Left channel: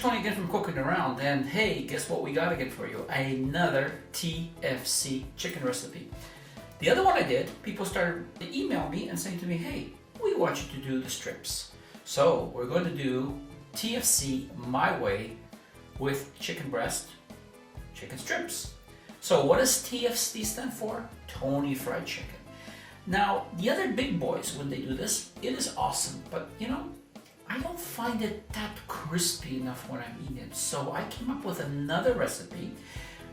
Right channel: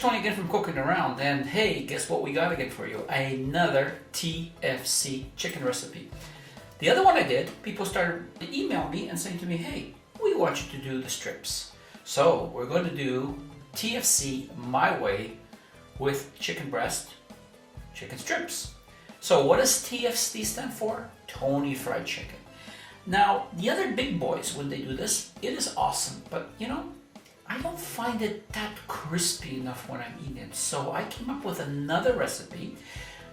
here's Tony again from Cooking Around, and hey, guess what we got again for you? Another TFC chicken recipe. The other one I did, people started to email me and saying to me, hey, we want you to do the strips. So we're going to do TFC My Way with chicken breast, chicken strips. So what does TFC stand for? Tony Fried Chicken. Now, the other big boys, when they do this, it is awesome, but you know, I don't find it that crispy enough when I'm eating it. So I came up with another recipe,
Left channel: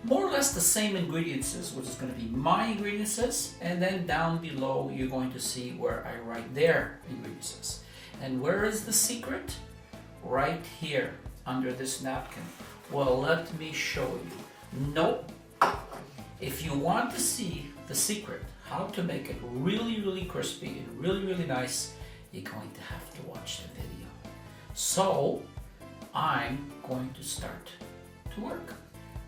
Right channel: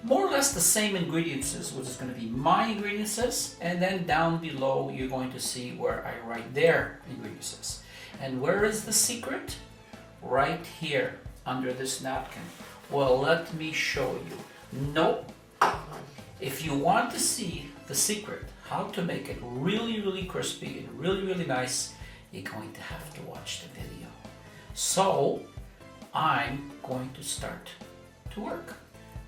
more or less the same ingredients, which is going to be my ingredients, and then down below you're going to see where I write their ingredients. And where is the secret? Right here, under this napkin. Well, let me show you. Nope. If you want to see the secret, how to make it really, really crispy and really, really nice, you're going to have to watch the video. So, I'm going to start to work.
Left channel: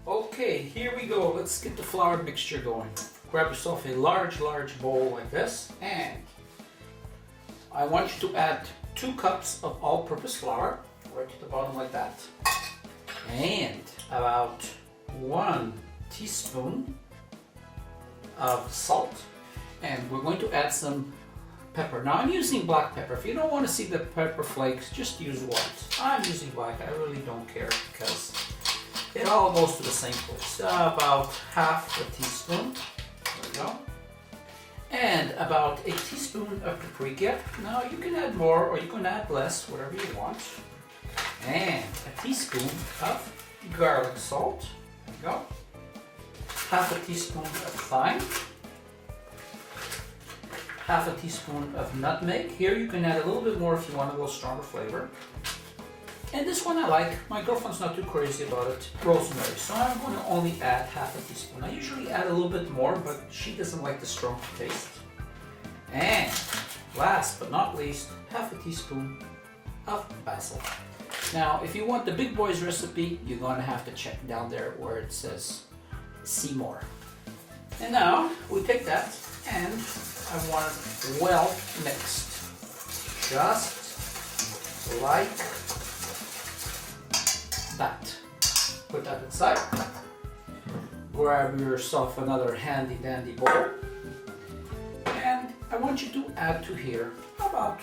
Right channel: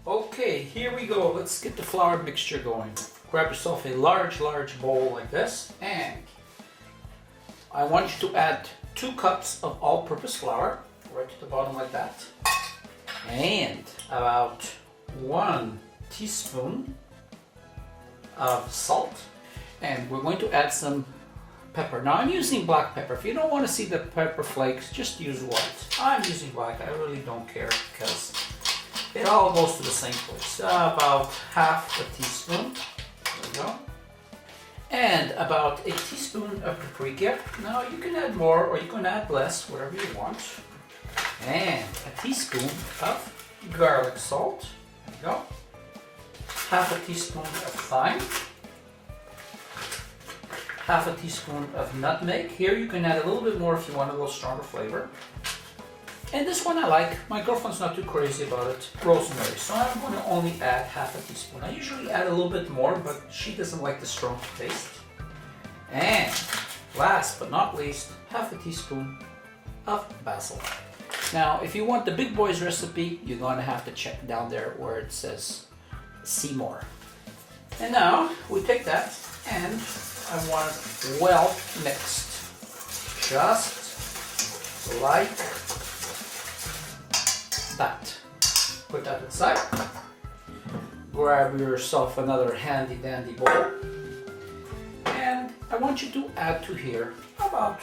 Okay, here we go. Let's get the flour mixture going. Grab yourself a large bowl like this, and I want you to add 2 cups of all-purpose flour, right to the bottom like that, and about 1 teaspoon of salt, and we're going to add some pepper. Now I'm using black pepper. If you don't want to see the pepper flakes, just use white. I'm using black. I really don't care because it all goes to the same place. About half a teaspoon. There we go. And about a teaspoon of paprika. Now you can add more or you can add less, whatever you want. And a teaspoon of garlic salt. There you go. Half a teaspoon of thyme. Half a teaspoon of nutmeg. Here you can add a little bit more if you want a little stronger flavor. And this one I like. My girlfriend's not too crazy about it. Rosemary. So I'm going to only add half a teaspoon. I usually add a little bit more, but she doesn't like the strong taste. And last but not least, half a teaspoon of basil. Now, if you want the big boys recipe, you're going to have to check down there where it says see more. And now we take that and I want it well mixed, just like that. Put that aside. Grab yourself another handy dandy bowl, and I want you to add to here about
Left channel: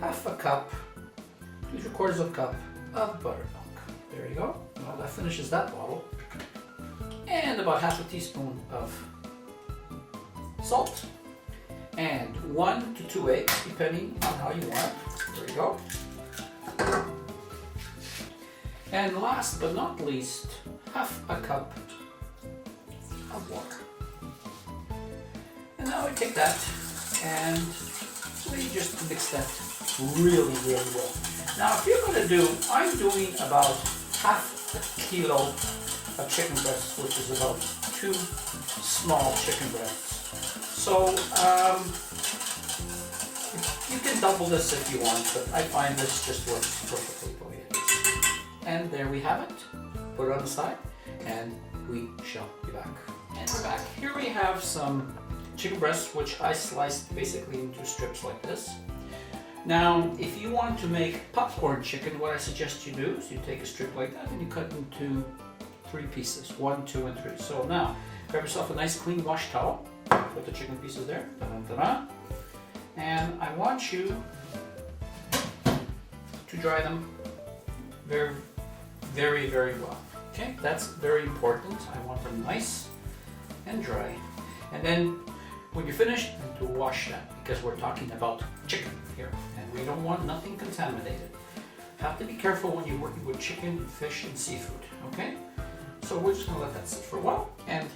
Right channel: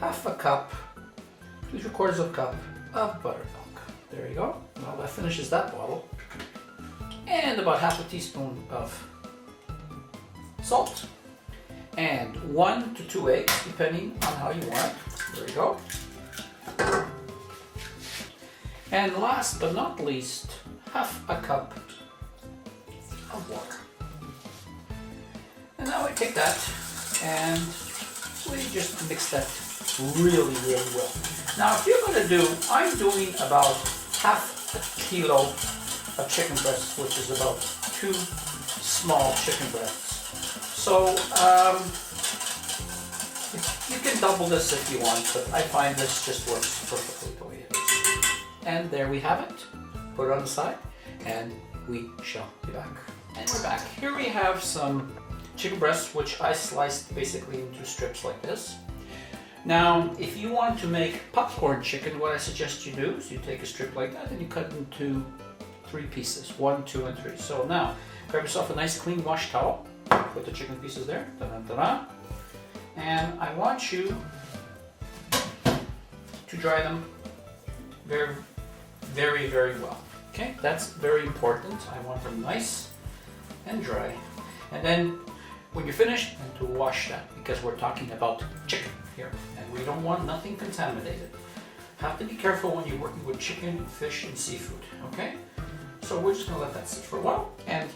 half a cup, 2/3 of a cup of buttermilk. There you go. Well, that finishes that bottle. And about half a teaspoon of salt. And 1 to 2 eggs, depending on how you want. There you go. And last but not least, half a cup of water. And now we take that and we just mix that really, really well. Now, if you're going to do, I'm doing about half a kilo of chicken breast, which is about 2 small chicken breasts. So you can double this if you want, but I find this just works perfectly the way it is. And there we have it. Put it on the side, and we shall be back. And we're back. Here we have some chicken breasts, which I sliced basically into strips like this. Now, if you want to make popcorn chicken, what I suggest you do is you take a strip like that and you cut into 3 pieces, 1, 2, and 3. So now, grab yourself a nice clean wash towel. Put the chicken pieces there, ta-da-ta-da. And I want you to dry them very, very, very well. Okay, that's very important. I want them nice and dry. And then when you're finished, to wash them, because we're talking about chicken here, and we don't want nothing contaminated. Have to be careful when you're working with chicken, fish, and seafood. Okay, so we're just gonna let that sit for a while, and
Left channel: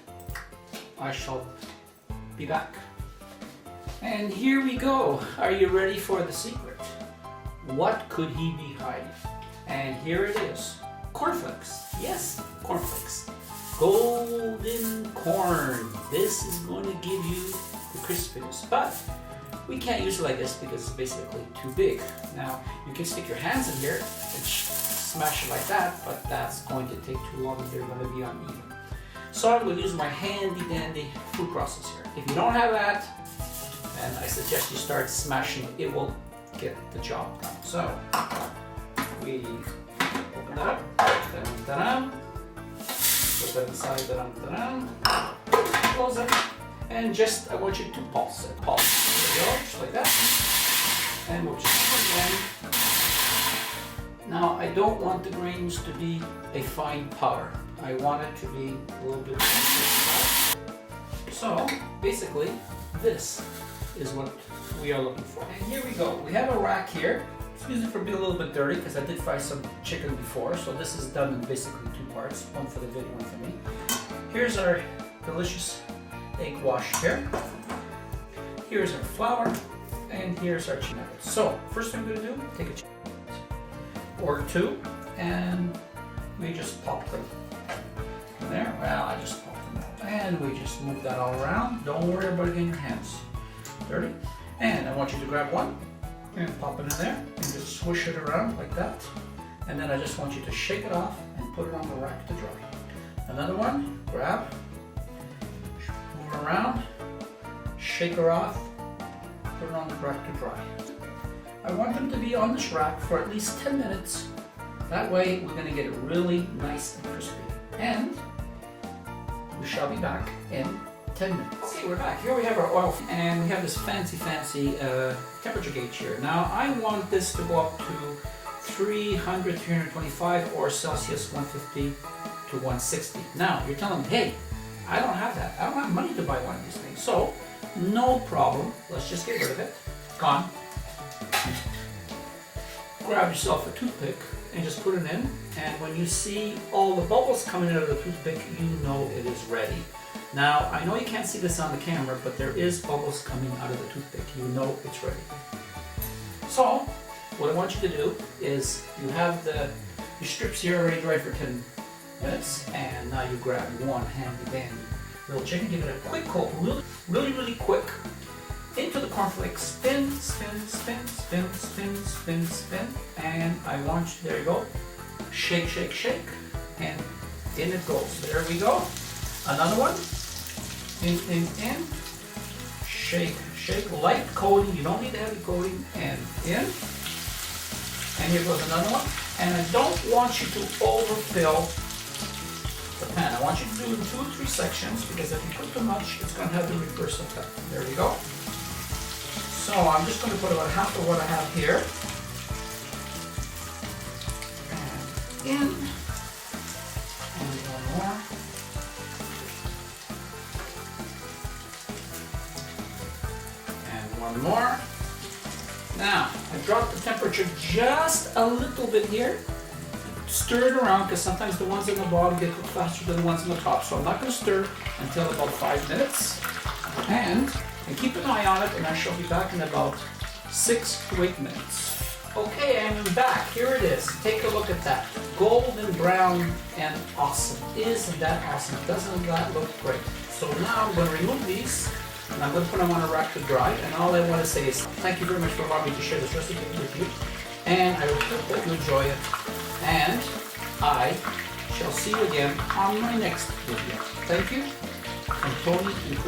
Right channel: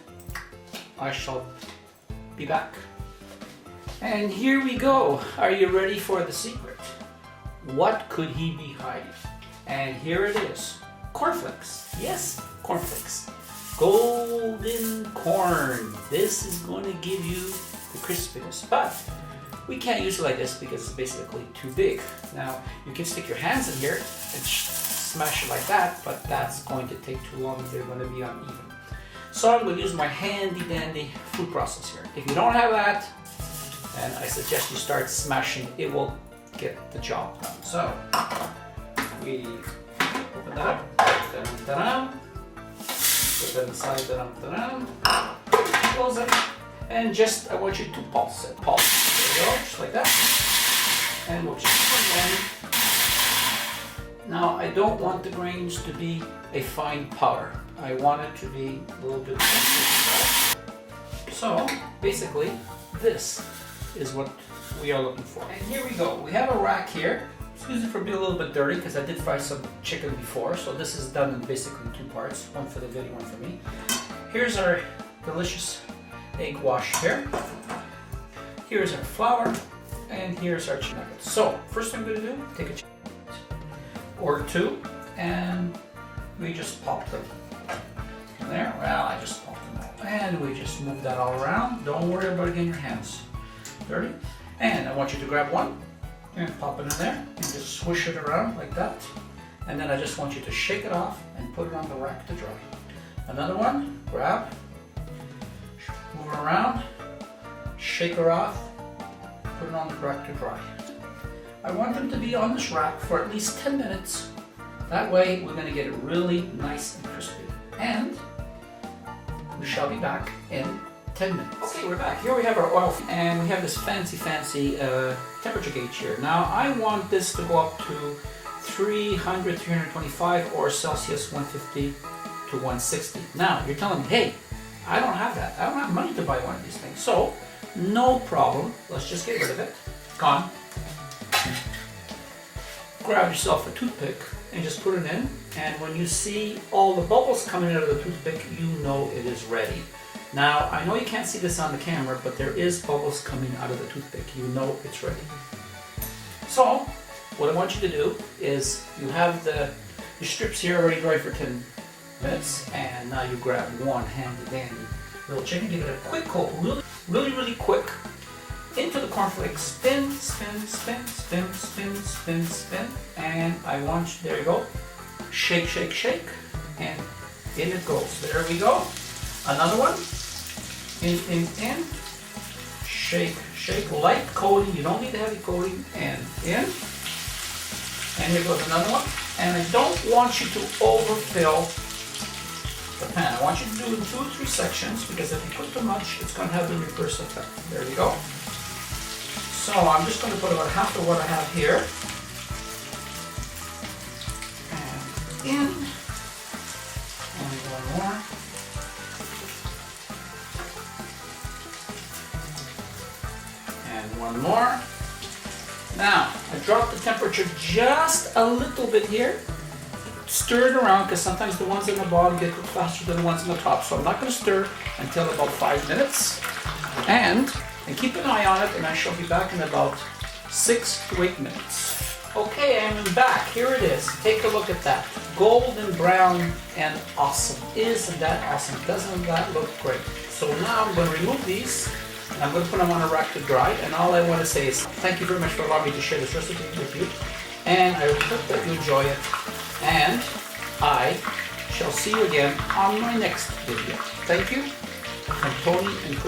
I shall be back. And here we go. Are you ready for the secret? What could he be hiding? And here it is. Cornflakes. Yes, cornflakes. Golden corn. This is going to give you the crispiness, but we can't use it like this because it's basically too big. Now, you can stick your hands in here and smash it like that, but that's going to take too long if they're going to be uneven. So I'm going to use my handy dandy food processor. If you don't have that, then I suggest you start smashing. It will get the job done. So we open Put that inside. Close it. And just, I want you to pulse it. Pulse. There you go, just like that. And we'll just put it in. Now, I don't want the grains to be a fine powder. I want it to be a little bit. So, basically, this is what we are looking for. And here we go. We have a rack here. Excuse me for being a little bit dirty because I did fry some chicken before. So this is done in basically two parts. One for the video, one for me. Here's our delicious egg wash here. Here's our flour. And here's our chicken nuggets. So, first thing I'm going to do, take a chicken or two, and we just pop them. There, well, I just popped them all. And we just move that all around. Don't worry about getting your hands dirty. And I want you to grab one and pop it in there and just swish it around like that. And then I just want you to shake it off and put it on the rack to dry. Another one, grab, move it around, shake her off, put it on the rack to dry. I want them to be on this rack for at least 10 minutes. That way we're going to get it really nice and crispy. And we shall be back in 10 minutes. Okay, we're back. Here we have our oil and we have this fancy temperature gauge here. Now I want this to go up to 300, 325 or Celsius 150 to 160. Now you're telling me, hey, I don't have that. I don't have money to buy one of these things. So no problem. Let's just get rid of it. Gone. Grab yourself a toothpick and just put it in, and when you see all the bubbles coming out of the toothpick, you know it is ready. Now, I know you can't see this on the camera, but there is bubbles coming out of the toothpick. You know it's ready. So, what I want you to do is, you have your strips here already dry for 10 minutes, and now you grab one handy dandy little chicken, give it a quick coat, really quick, into the cornflakes, spin, and I want you, there you go, shake, and in it goes. There we go. Another one, in, shake, light coating, you don't need the heavy coating, and in, and here goes another one, and I don't want you to overfill the pan. I want you to do it in 2 or 3 sections, because if you put too much, it's going to have the reverse effect. There we go. So I'm just going to put about half of what I have here. And in. And one more. And one more. Now, I dropped the temperature just a little bit here. Stir it around because sometimes the ones in the bottom get cooked faster than the ones in the top. So I'm not going to stir until about 5 minutes. And keep an eye on it, and I shall be back in about 6 to 8 minutes. Okay, I'm back. Here it is. Take a look at that. Golden brown and awesome. Isn't that awesome? Doesn't that look great? So now I'm going to remove these, and I'm going to put them on a rack to dry, and all I want to say is thank you very much for allowing me to share this recipe with you, and I hope that you enjoy it, and I shall see you again on my next video. Thank you, from Tony and Chris.